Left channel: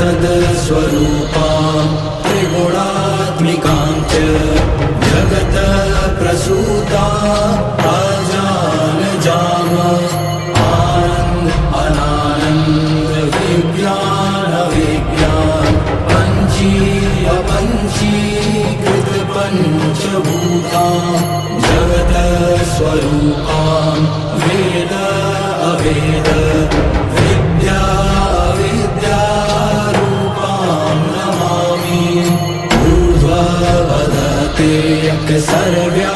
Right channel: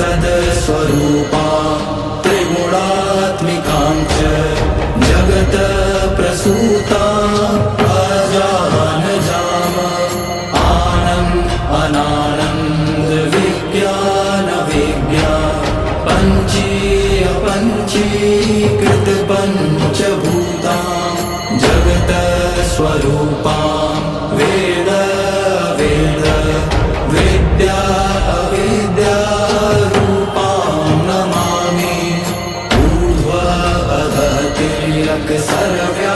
सदस्वरूपां त्रिगुणात्मिकां च जगत प्रसूता अजानजाम आनन्द अनानन्द विज्ञान विज्ञान पञ्चीकृत पञ्चभूतां जगत स्वरूपां वेद अवेद विद्या विद्यारूपां नमामि ऊर्ध्व अधः तिर्यक् सर्व्या